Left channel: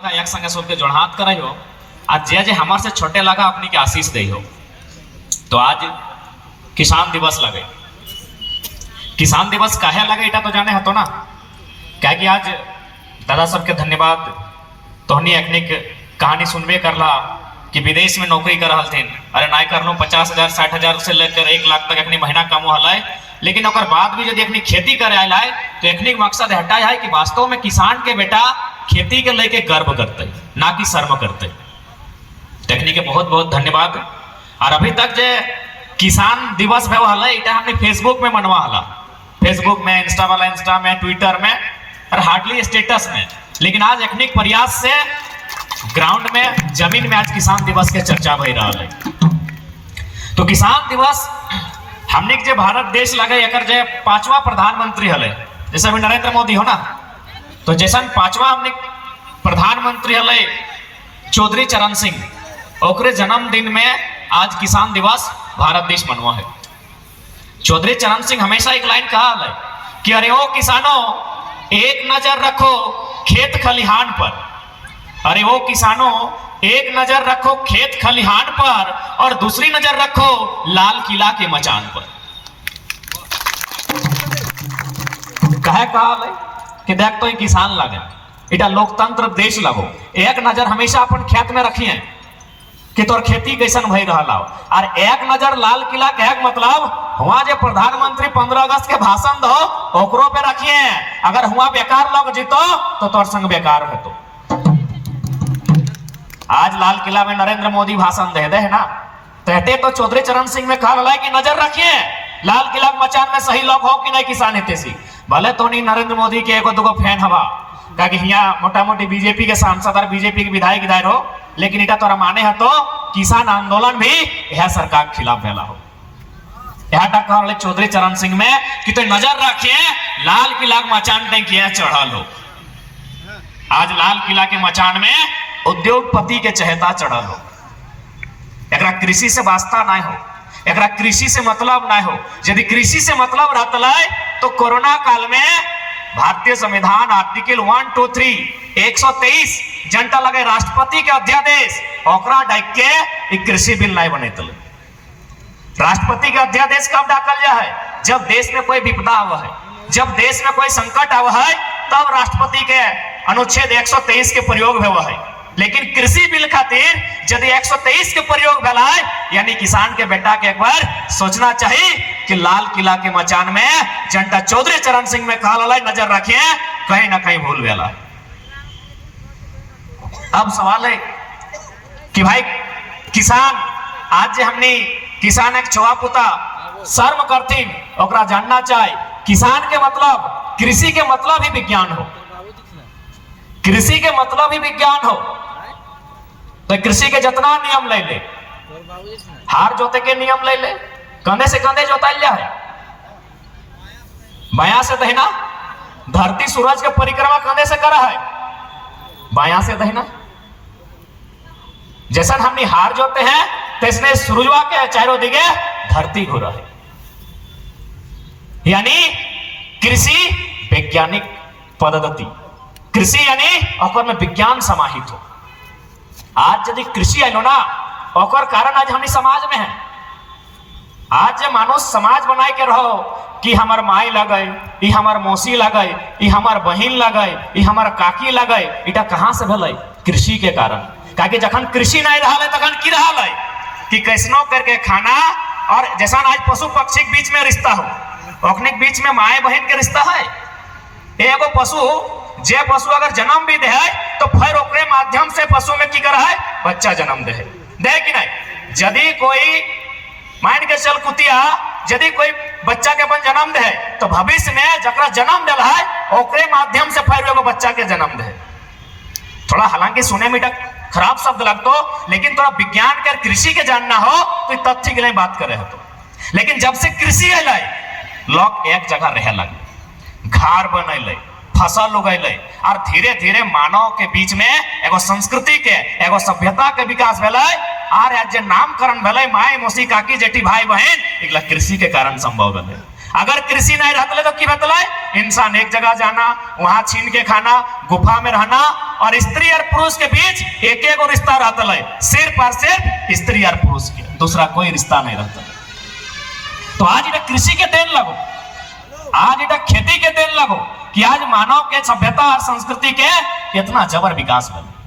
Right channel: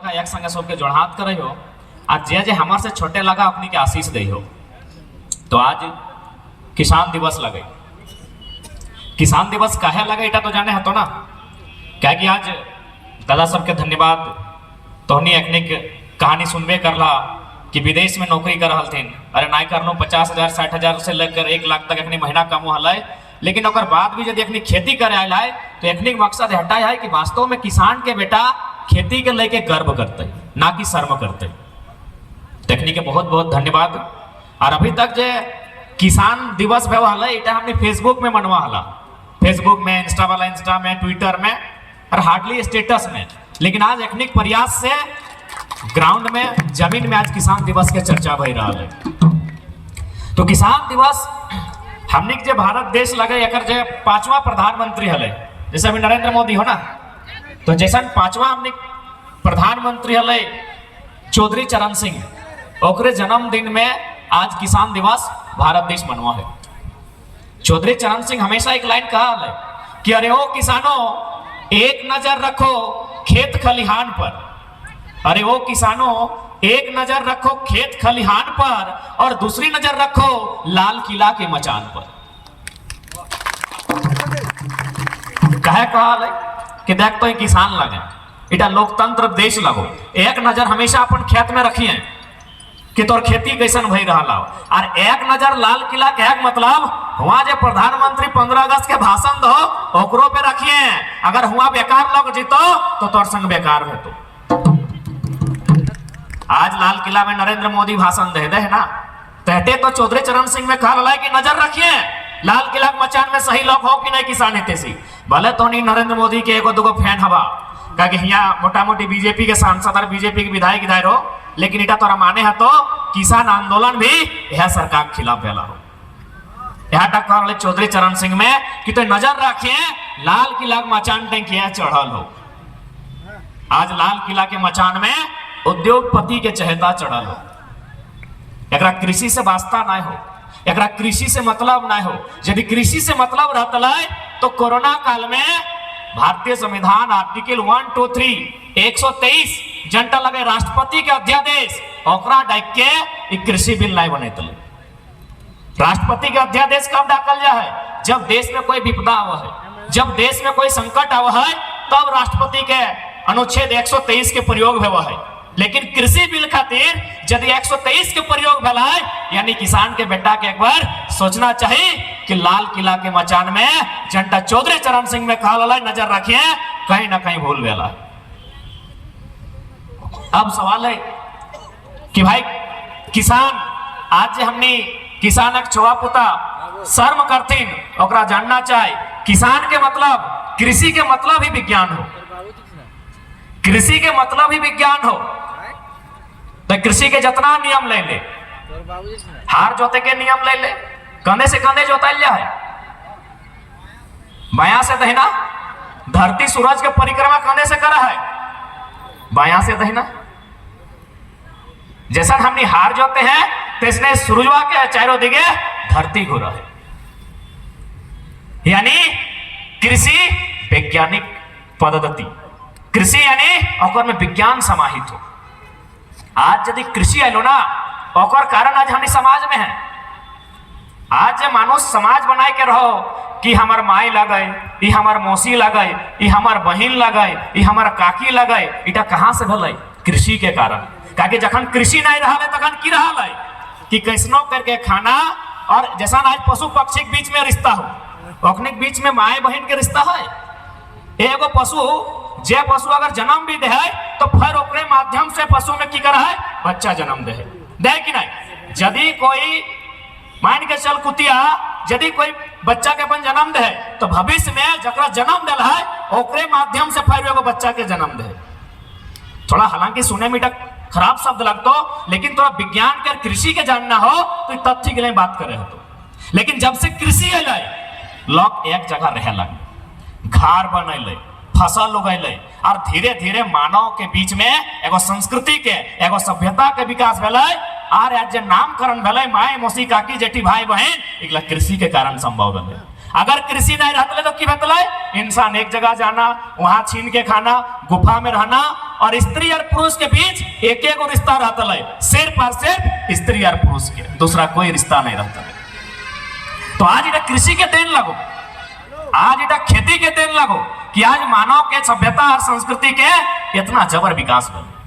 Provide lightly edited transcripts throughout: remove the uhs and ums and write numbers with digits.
लगा एक संगे सबके जोड़हात करे हो आज जे जे हमार से छोटे लगा अपनी के आशीष दे हो। तो आज किसान दिवस लगे। किसान दिवस काहे लगे इटा तो जाने हतो ना, क्या कि आज दादा सबके धन्यवाद। तोहनी एकनिक कहानी सुनबे करला कि विदेश में नौकरी कर रहल थे, अरे ना कर लो 50,000 60,000 से लेकर 1 लाख तक अपनी महीना कमो हल। लेकिन ओकर बाद भी यदि अपनी खेती करे आयल है तो एकनिक मकसद हटाए है कि वास्तव में किसान के बेटा खेती के लेके गर्व करते ना कि शर्म करते। टेक्निक के बहुत बहुत धन्यवाद। और अभी तक जे किसान दिवस भे हल इटा हमने फेसबुक में मनवा हला, फेसबुक में, इंस्टा वाला इंस्टा में, ट्विटर में और हार्डली स्टेटस में। लेकिन आज एकनिक प्रयास से ग्राउंड में जमीन में आज किसान दिवस के चर्चा हो रहा है। तो किसान दिवस हमने जे भारत देश लगे एकर जे 5वां प्रधानमंत्री हले, जैसे अभी नरेंद्र मोदी हो ना, तो जैसा 5वां हमने प्रधानमंत्री हले चौधरी चरण सिंह, ओकरे जन्मदिन में आज किसान दिवस भारत देश मनवा है। चौधरी चरण सिंह हमेशा एक लाइन कहा है कि अरे ओ किसानों एक नजर रखो खेत खलिहान पर, अरे वो किसानों एक नजर रखो खेत खलिहान पर और दूसरी नजर रखो लाल किला के मचान पर। कहे कहल कि देख तो किसान लगे इटा लोकतंत्र देश लगो, एक नजर हमेशा अपन खेत में रखिए कि तोर खेती कैसन भई रहा, और एक नजर लाल किला के मतलब हुआ जो प्रधानमंत्री 15 अगस्त के भाषण दो ओकरो पे रखिए। अगर हुआ बेकार लोग जीतो तो तोर संग बेकार रहतो। आज लाल किला में नरेंद्र मोदी भाषण दे है ना, कहते तो चौधरी चरण सिंह में कहा है कि नजर रखिए लाल किला के मचान में सही लोग हो कि नहीं किसान हेते सी। भले तो नहीं नरेंद्र मोदी के एगो दुगो फैन हवा कि यहाँ मोटा मोटी बीजेपी के सांसद और बीजेपी के विधायक इधर हो, लेकिन इटा तोरा माने है तो किसान आंदोलन भी यह सरकार के खिलाफ फैला हो। यह टक्कर चौधरी चरण सिंह में कि तो नजर रखिए लाल किला के मचान पे किया चढ़ल हो। आज लाल किला के मचान में उद्योगपति के चहेता चढ़ल हो। एकरा कृषि से वास्ता ना हो, एकरा कृषि से मतलब ना हो। यदि कृषि से मतलब रहता तो कोरोना काल में भारतीय संविधान आर्टिकल 1, 2, 3 123 जनता लगे राष्ट्रपति के अध्यादेश ओकरा डाक के कृषि बिल नहीं बने। राष्ट्रपति के अध्यादेश कब डाकल जा है? जब देश में कोई विपदा आवा है, जब देश में कोई संकट आवा है, तब राष्ट्रपति के अनुच्छेद 123 के प्रयोग हुआ है। लेकिन कृषि बिल खातिर यदि 123 के प्रयोग भला है, यानी किसान के बेटा के एक बार सोचना चाहिए कि लाल किला के मचान में जनता चौधरी चरण सिंह में कहा नजर रखिए कहीं ना कहीं भूल गया। अब सवाल है कि भाई किसान आज जे हमने किसान एक छुआ पुता शर्म करतीन ओकरा जानना चाहे किसान के मतलब कृषि के मतलब ही विज्ञान हो, कृषि के मतलब ही विज्ञान हो। तो कृषि के जितना नियम ले ले, हार जोते के नियम ले ले, कंधे से कंधे जोताल जाए, बायां से दहिना, धरती सूरज के परिक्रमा कंधे से करा है, बायां से दहिना। जैसा हमने हार जोते हैं तैसने सूरजवा के चारों दिगे धरती घूरा है। यानी कृषि वैज्ञानिक पद्धति, कृषि यानी ओकर में विज्ञान समाहित हो। आज यदि कृषि आलो ना ओकर कारण आज हमने समाज में है। आज जे मानो समाज बनाए के रहो कि हमार माई लगे, ई हमार मौसी लगे, ई हमार बहिन लगे, ई हमार काकी लगे, इटा कहां से भले? कृषि के कारण। ताकि जखन कृषि नहीं रहा तखन की रहा कि कैसनो करके खाना, और जैसा आज पशु पक्षी के बीच में रिश्ता हो, ओकने के बीच में माए बहन के रिश्ता है। एगो पशु जे पशु अगर जन्म भी दे तो फिर ओकरे माध्यम से पशु में की कर है बच्चा जन्म दे कि नहीं। यदि कोई मान के चल कुतिया यदि कोई बच्चा के अपन जन्म दे तो भविष्य में जकरा जन्म दिल है ओकरे माध्यम से फिर एगो बच्चा के जन्म दे। थोड़ा हालांकि सुने में खराब शब्द लगतो, लेकिन थोड़ा विज्ञान कर कृषि के जानना हो तो तथ्य के नहीं बात करे तो। लेकिन जब से कृषि है लोग एक जगह रह लगे, घर बनैले, फसल उगैले, और धीरे धीरे मानव के बीच में एगो संस्कृति के एगो सभ्यता के विकास भेलै। और आज जे नामकरण भेलै माय मौसी काकी जेठी भाई बहन एकला कृषि के कारण संभव भेलै। अगर कृषि नहीं रहते तो की बतलाए, इंसान एक जगह जाना, वहां छीन के खाना, गुफा में रहना, और स्त्री और पुरुष के बीच एक एक रिश्ता रहता है, सिर्फ और सिर्फ स्त्री और पुरुष के, दूसरा कोई रिश्ता नहीं रहता। तो आज इधर कृषि के देन लगो, आज इधर खेती के देन लगो कि आज मानव के सभ्यता और संस्कृति के इतना जबर विकास बने।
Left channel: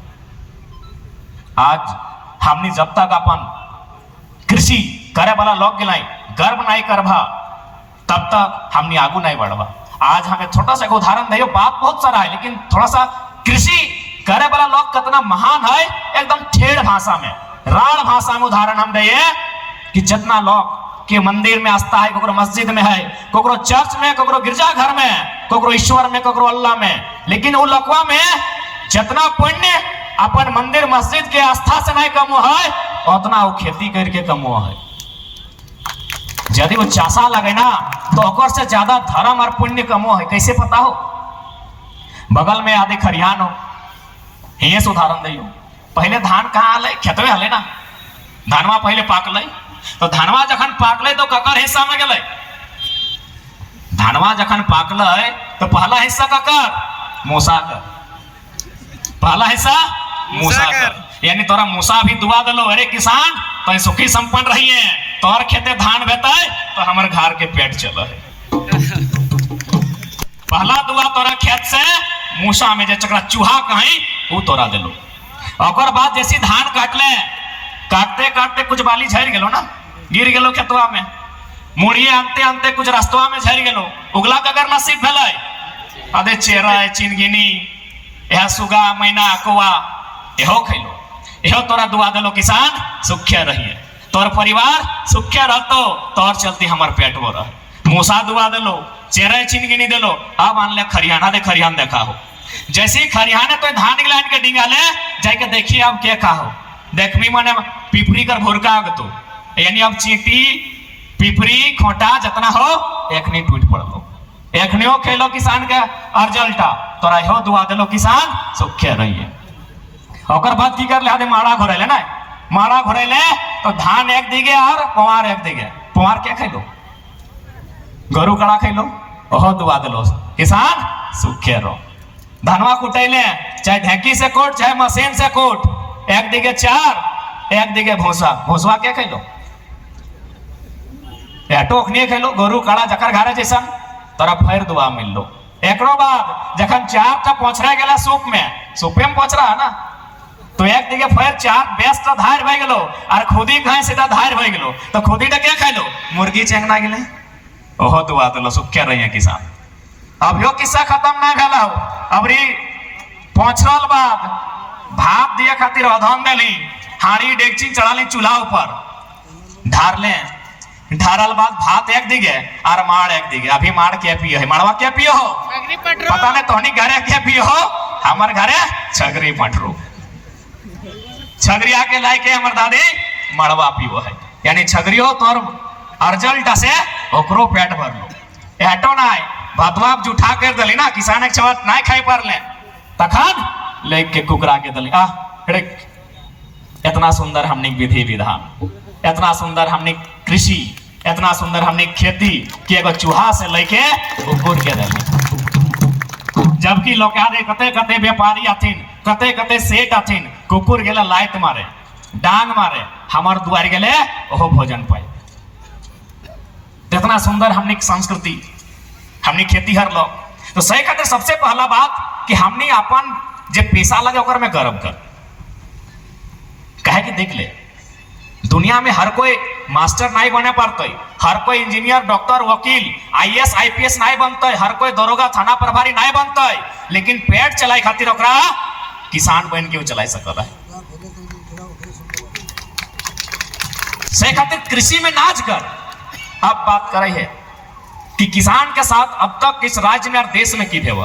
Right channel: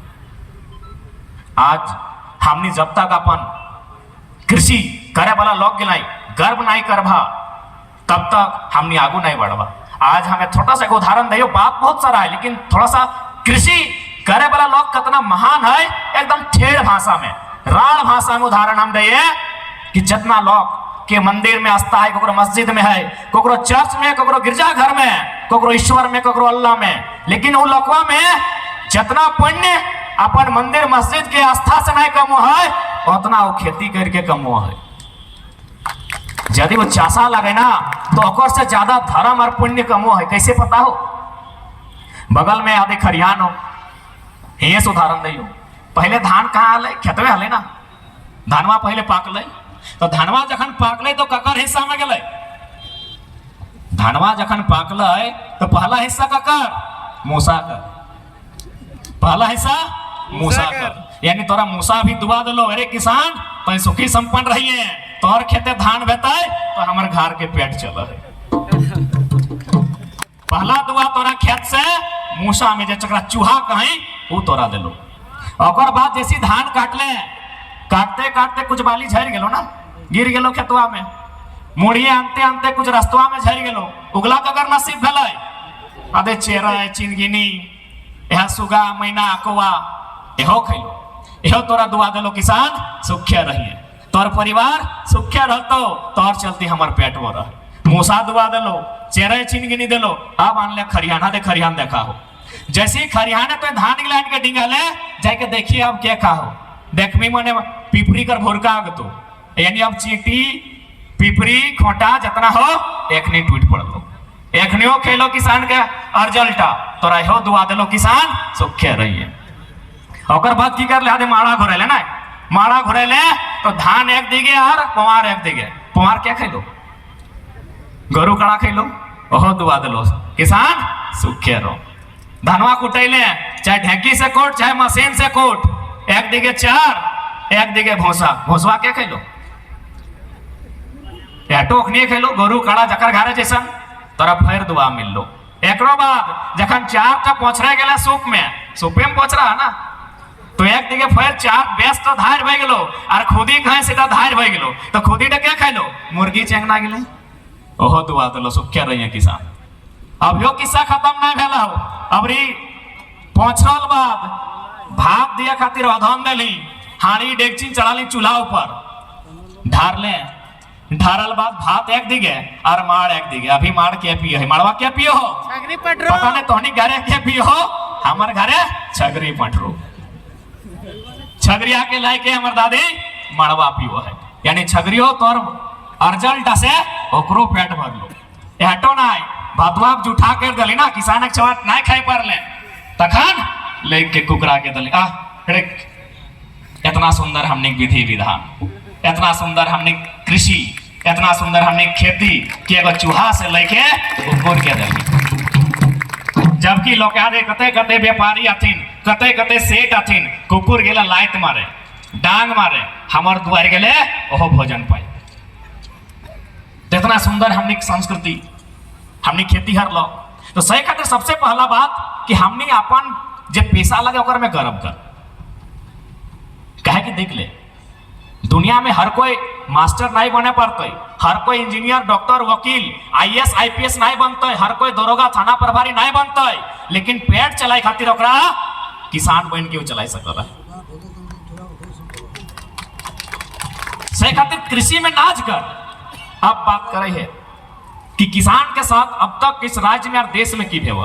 आज हमने जब तक अपन कृषि करे वाला लोग गिलाई गर्व नहीं करभा, तब तक हमने आगू नहीं बढ़वा। आज हमें छोटा सा उदाहरण दियो, बात बहुत सारा है, लेकिन थोड़ा सा कृषि करे वाला लोग कितना महान है, एकदम ठेठ भाषा में, राण भाषा में उदाहरण हम दिए कि जितना लोग के मंदिर में आस्था है, कोकरो मस्जिद में है, कोकरो चर्च में, कोकरो गिरजाघर में, कोकरो ईश्वर में, कोकरो अल्लाह में, लेकिन वो लोकवा में जितना पुण्य अपन मंदिर मस्जिद के आस्था से नहीं कमो है, उतना वो खेती करके कमो है। यदि वो चासा लगे ना तो ओकर से ज्यादा धर्म और पुण्य कमो है। कैसे पता हो? बगल में आदि खरियान हो, ये से उदाहरण दियो। पहले धान कहाँ आले? खेतवे आले ना, धानवा पहले पाकले, तो धानवा जखन पाकले तो ककर हिस्सा में गए, धानवा जखन पाकले तो पहला हिस्सा ककर? मूसा का, पहला हिस्सा मूसा का, यानी तोरा मूसा भी दुआ दिलो, अरे किसान तो सुखी संपन्न रही है, तोहर खेते धान बेताए तो हमारे घर के पेट चल है। पहला दुआ तोरा खेत से मूसा में जे चकरा चूहा कहीं वो तोरा दिलो। और बाद जैसी धान काटले, काटते काटते कुछ बाली झड़ गेलो ना, गिर गेलो खेतवा में, मुड़िए अंते अंते कुछ रास्तवा में झड़ गेलो, उगला कगर नसीब भेलै, अदे चेरा चिनगिनी यह सुगा मैना कौआ एहो खैलो, एहो तोरा दुआ दिलो किसान सुखिया रहिए, तोर परिवार सुखिया रहतो, तोर चलती हमार पेट वो रह। मूसा दुआ दिलो, चेरा चिनगिनी दिलो, अब मान ले खरियाना दे, खरियान देखा हो, जैसे खरियाना तो धान गिलान के डिंगाले जाके देखिए अब क्या कहा हो, देखमी माने पिपरी कर भोरका आगतो, यानी अब चींटी पिपरी खोटा जितना हो एक नहीं टूट पड़ लो, एक नहीं हो खेलो किसान का अर्जल्टा, तोरा हो दुआ दिलो किसान सुखे रहिए। और बाद की कर ले आदे माड़ा घोरेले ना, माड़ा घोरेले तो धान एक दिगे और पुआर एक दिगे, पुआर क्या खेलो? गरु कड़ा खेलो, ओहो दुआ दिलो किसान सुखे रहो। धनवा कुटैले चाहे ढेंकी से कोट चाहे मशीन से कोट, एक दिगे चार एक दिगे भूसा, भूसवा क्या खेलो? टोकनी खेलो, गरु कड़ा जकर घारे जैसा तोरा फिर दुआ मिल लो। एकरो बाद जखन चार का पोछरे गेला सूप में, सूपे में पोछ रहा ना, तो एक दिगे फिर चार बेस्ट धार भय गेलो और खुदी कहीं सीधा धार भय गेलो, तो खुदी डे क्या खाइलो? मुर्गी चेंगना गेले, ओहो दुआ दिलो सुखे रहिए किसान। अब यो किस्सा खत्म ना भेला हो, अबरी पोछरल बाद भाप दिया खातिर अधन देली, हाड़ी डेगची चढ़ाली चूल्हा ऊपर, ढार ले, ढारल बाद भात एक दिगे और माड़ एक दिगे। अभी माड़ क्या पियो है? माड़वा क्या पियो हो? पता नहीं तोहनी घरे क्या पियो हो, हमार घरे छगरी पटरू, छगरिया के लायके हमार दादी माड़वा पियो है, यानी छगरियो तोर अर्जल्ट से ओकरो पेट भर लो। एटो ना भातवा जुठा कर दली ना, किसान के छवत ना खाए पार ले, तखन लेके कुकरा के दली आ, इतना सुंदर हमने विधि विधान, इतना सुंदर हमने कृषि, इतना सुंदर हमने खेती कि एगो चूहा से लेके कुकुर के दली। जबकि लोग आदे कते कते व्यापारी अथिन, कते कते सेठ अथिन, कुकुर गेला लाइट मारे, डांग मारे, हमार दुआर गेले ओहो भोजन पाई। इतना सुंदर हमने संस्कृति, हमने खेती हर लोग, तो सही खातिर सबसे पहला बात कि हमने अपन जे पैसा लगे ओकर में गर्व कर, कहे कि देख ले दुनिया में हर कोई मास्टर नहीं बने पड़ते, हर कोई इंजीनियर डॉक्टर वकील आईएएस आईपीएस नहीं बनते, हर कोई दरोगा थाना प्रभारी नहीं बनते, लेकिन पेट चलाए खातिर ओकरा किसान बन के चला सकता है। से खातिर कृषि में नाच कर। अब बात करे है कि किसान के साथ अब तक किस राज्य में और देश में की भेवा